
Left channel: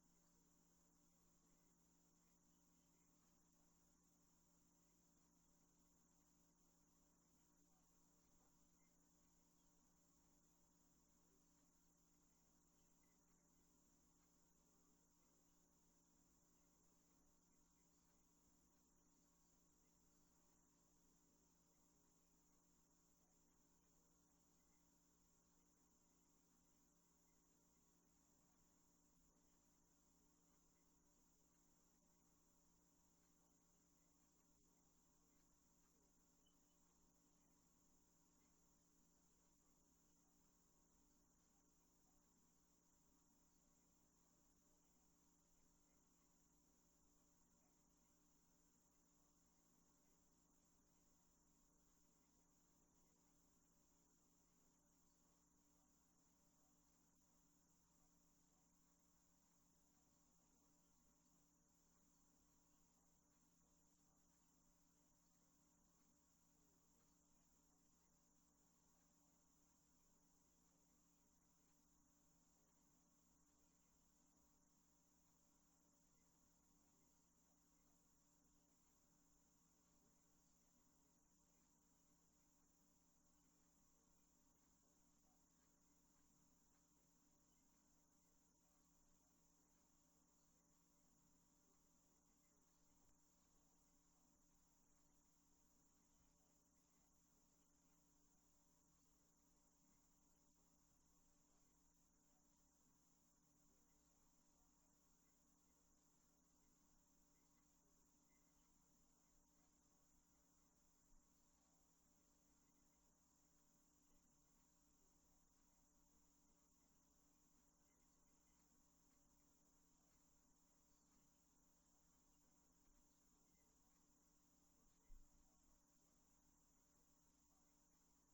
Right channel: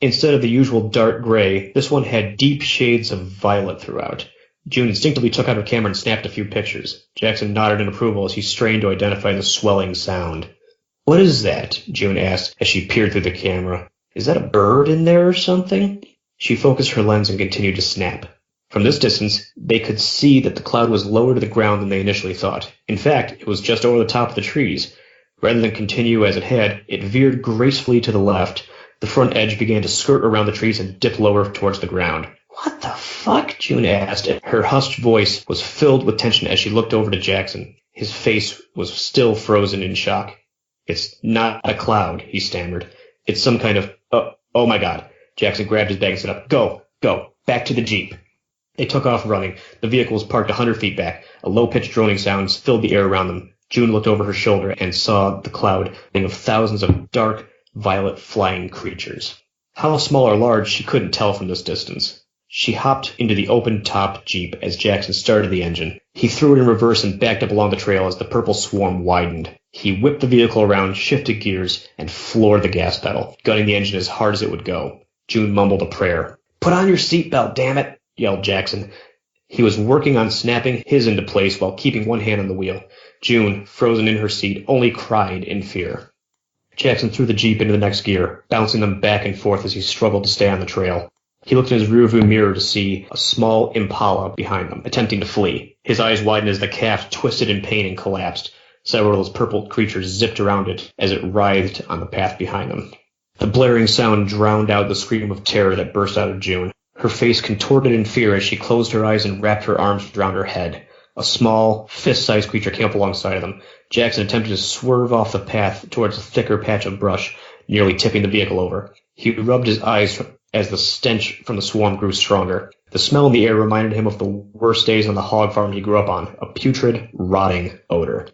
Instead of the usual dark gray, this one had deep shades of violet throughout. June instinctively took out her camera and snapped a few pictures. Jackson nodded in approval as he strained to identify the swelling sound. What is that? June asked as she peered through the camera. Is that a bird in there or something? She focused her lens and continued to snap. From this distance, they could see that the cloud was lower to the ground than they initially thought. In fact, it was just over the top of the trees. Rather than continue as it had, it veered gracefully to the left. The front edge began to skirt around the trees and dip lower towards the ground. What the fuck? June asked. Her hushed voice was filled with tension as she looked over to Jackson. His face was still frozen in shock. It's not a cloud, he stammered. It's some kind of... Oh my God. Jackson grabbed his bag and said, Go, back to the Jeep. They took off running. The vehicle was parked 100 feet back. A low-pitched droning sound filled the air around them. June looked over her shoulder and saw the cloud of thousands of dark, violet flying creatures. How small or large she couldn't tell from this distance. She hopped into the open-top Jeep as Jackson started the engine. He threw it in reverse and backed up along the trail as the purple swarm widened. He whipped the vehicle around, shifted gears, and floored the gas pedal, gunning the engine as hard as it would go. June mumbled a prayer. Put on your seatbelt, damn it, yelled Jackson. He was working on snapping his into place while keeping one hand on the wheel. June, frozen in her seat, only cried in fear. Jackson threw the Jeep into the next gear, bouncing them back and forth as he struggled to stay on the trail. He looked in his rearview mirror to see a small Impala behind them, attempting to flee. His eyes widened as the calf twisted in pain and collapsed. Several of those purple creatures zipped around it as it writhed on the path behind them. The blaring sound drowned out the scream of terror that burst out of June. Her face contorted in fear as she closed her eyes and wrapped her arms around her head. A small, fist-sized creature came up alongside of them. Jackson attempted to swerve off the path towards a thicker patch of brush, nearly tipping the vehicle over. He rubbed his eyes as the stench from the swarm grew stronger. The smell in the air reminded him of the worst days on the hog farm he grew up on, a putrid, rotting odor.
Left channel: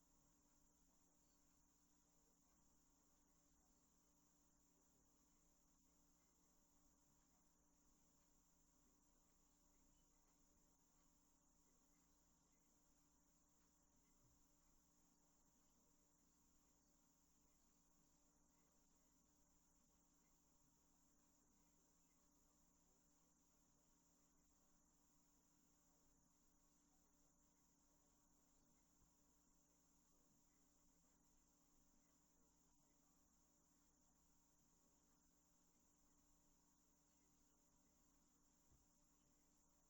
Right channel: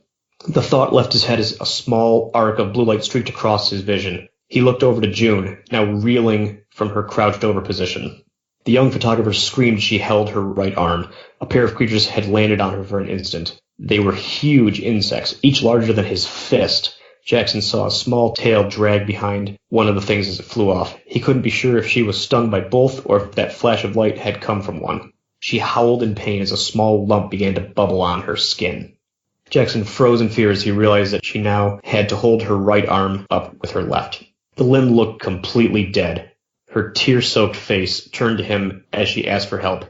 The thought left his head as a small arc of blue light streaked across his vision. He looked over to June, now reeling from her crouched-over position. The young photographer screamed as she held her right arm. A pair of creatures had landed on her for an instant. They were huge insects, each larger than his fist. Jackson saw a small tail drag behind one of the things as it flew off. He couldn't be sure if she was stung by both or if that flash of light had come from one. She howled in pain as a small lump began to bubble on her skin. Jackson froze in fear as he realized that she now had to hold her right arm up with her left. The limb looked completely dead. Her tear-soaked face turned to him as she asked for help.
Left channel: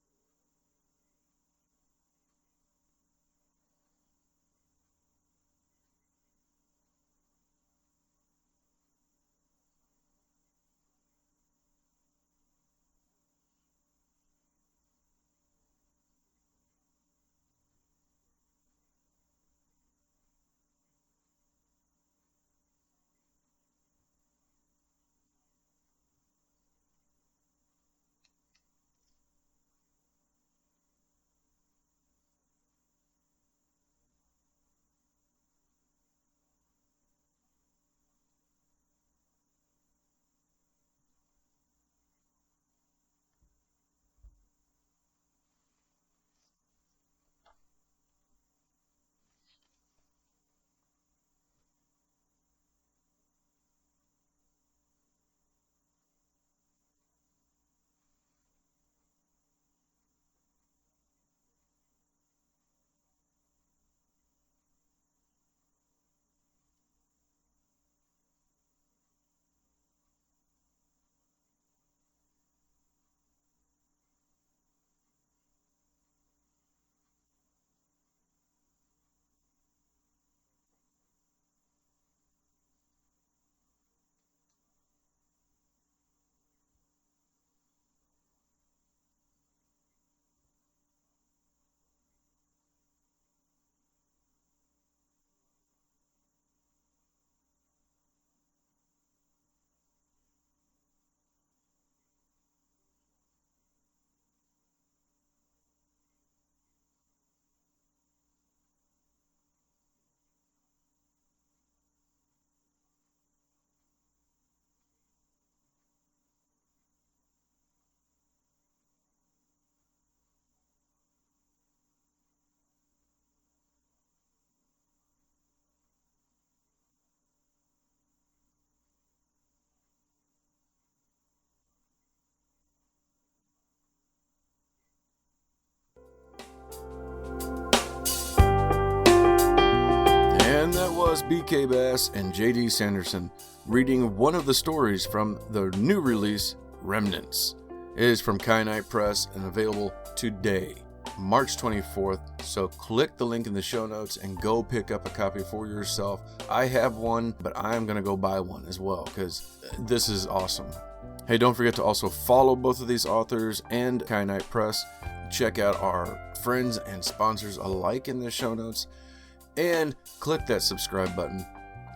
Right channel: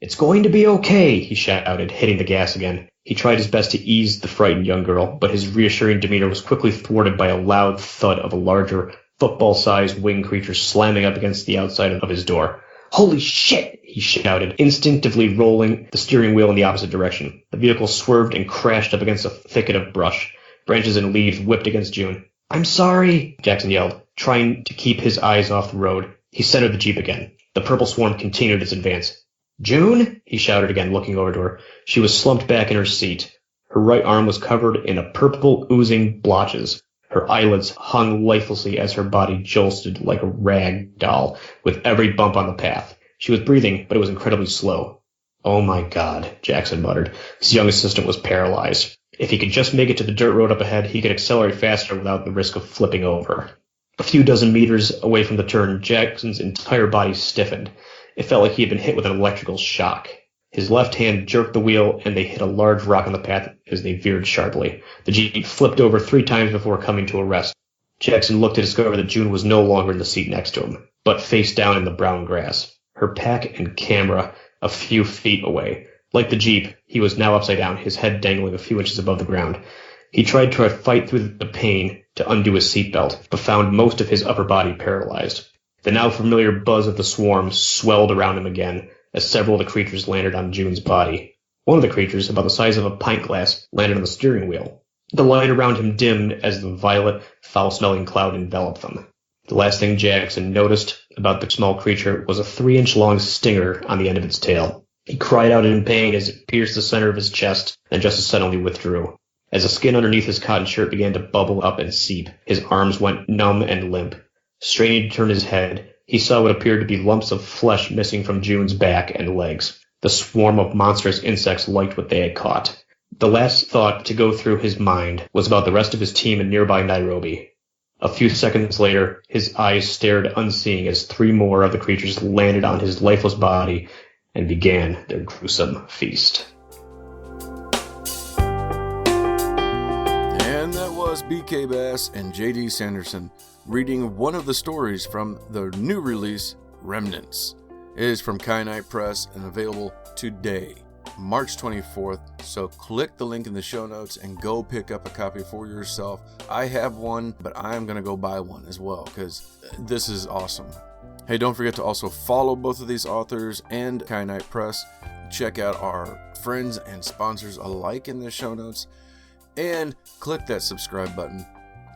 "It's going to be okay," he shouted, hitting the gas again. He tried his best to ease the frightened young girl, but his reassuring demeanor was quickly thwarted by a loud thud of a larger, football-sized winged creature slamming up against the outside of his door. "Holy shit!" he shouted, instinctively rolling the steering wheel in the opposite direction. The vehicle swerved and crashed up against a thicket of brush. Branches and leaves whipped against June. "I'm sorry," Jackson yelled, trying to keep his eyes off the road. He centered the Jeep again. The purple swarm continued its advance. "June?" he shouted again, looking over to her. She was slumped back in her seat. Her right arm was covered in a purple oozing blotches. Her eyelids hung lifelessly as her body jolted like a rag doll with every bump on the path. She was breathing, but it was incredibly slow. "Oh my God," Jackson muttered. His young assistant was paralyzed. If he could just make it to the dirt road up ahead, he could accelerate faster without the risk of flipping over. A few dozen meters away from the turn, Jackson's entire body stiffened. It felt like he had been hit with an electrical shock. His left hand jerked the wheel, and they hit a large rock on the path as they veered sharply. The Jeep flipped over 3 times before coming to a rest. Jackson looked to discover that June was no longer in the seat next to him, but face down in the brown grass, her pack and camera a few feet away. Like the Jeep, he was now upside down, his head dangling a few inches above the ground. He tried to fight through the pain to undo his seatbelt, but found most of his upper body paralyzed. The now familiar buzz of the swarm swelled around him again as several of the creatures landed on June's body. One of the creatures, about the size of a pint glass, landed on the steering wheel. The light around him dimmed as the violet, foul-smelling cloud enveloped them. The last thing Jackson noticed about the small creature was a 3-inch-long stinger on the end of its tail. He cried out in pain as it pierced the center of his chest and just as suddenly withdrew. As the skin underneath his cotton shirt began to bubble up and seep, his arms went numb and limp. Straining to turn his head, he saw what appeared to be lumps of flesh missing from June's back and legs. The swarm of monstrous insects liked what they had caught. The last thought to go through his mind was about the rest of his team in nearby Nairobi. A few seconds later, his eyes stared unseeing as 3 more of the creatures landed on his lifeless body and began their gruesome feast. And that was BK Bass and JD Sanderson reading one of the stories from the new release, Remnants. It is from Kyanite Press and available today, March 24th. So click the link in the show notes and go pick up a copy for yourself. I have one, but I'm going to go buy one as well because this is awesome. Hey, don't forget to also follow both of these authors and Kyanite Press. Check out our friends and sponsors alike in the show notes. And click that subscribe button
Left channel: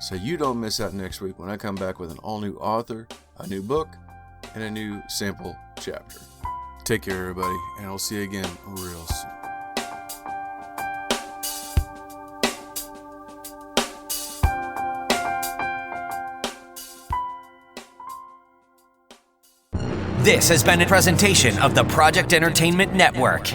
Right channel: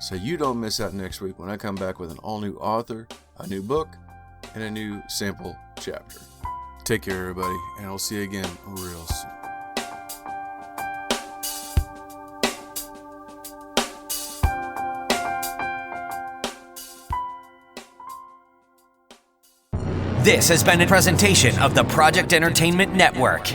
so you don't miss out next week when I come back with an all-new author, a new book, and a new sample chapter. Take care, everybody, and I'll see you again real soon. This has been a presentation of the Project Entertainment Network.